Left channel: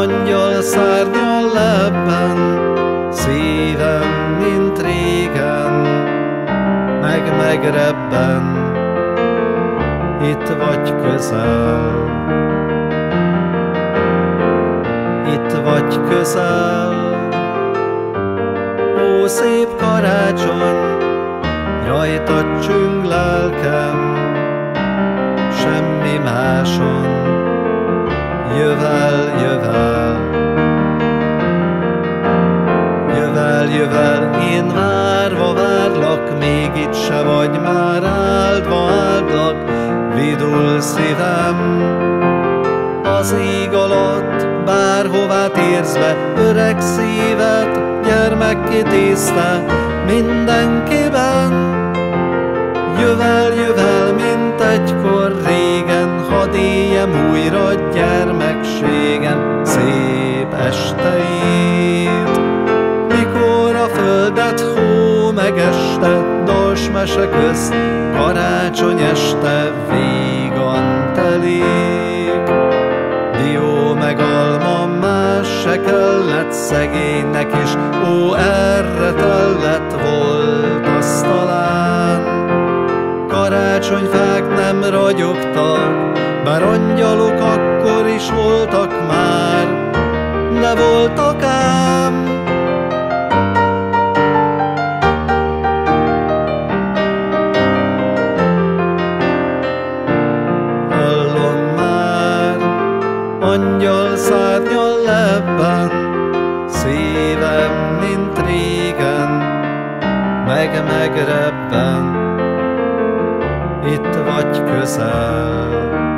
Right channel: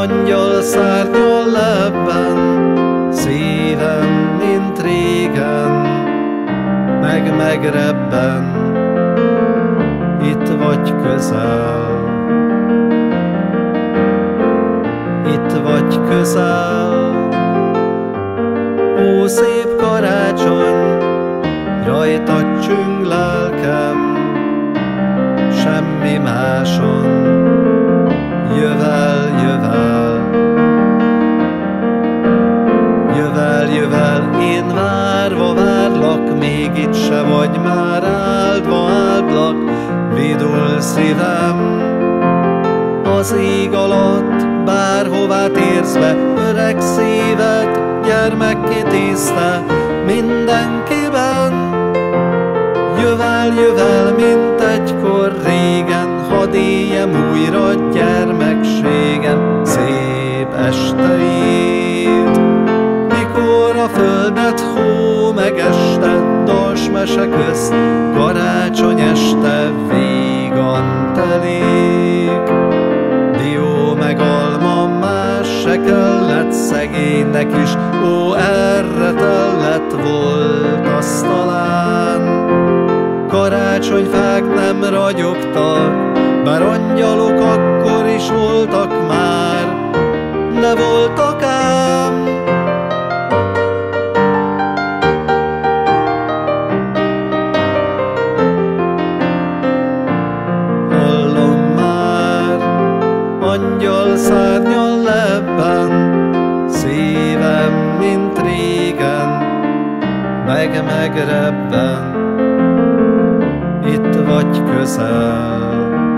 angyal szárnyal lebben, szívem, mint régen, megrebben, itt vagy közel. Itt vagy közel, ó szép karácsony, rajtad csüng lelkem, semmi máson, jövel, jövel. Jövel, jövel, én várva várlak, még itt se vagy már, áldva áldlak, vidul szívem. Az ég alatt, bárhová térsz be, öreg szívet gyermekké tészte mindenkiben. Jövel, jövel, mint egykor régen, hadd éljem újra gyermekségen szép esteit. Mikor a földet hó megested, dals mese közt, karácsony este végan telik. Dió meg alma, más se kellett szegénynek is, ó, erre tellett volt asztalán. Karácsonyfák nem ragyogtak, bár angyalok akkor is voltak már, de voltak ám. Hallom már, angyal szárnyal lebben, szívem, mint régen, megrebben, itt vagy közel.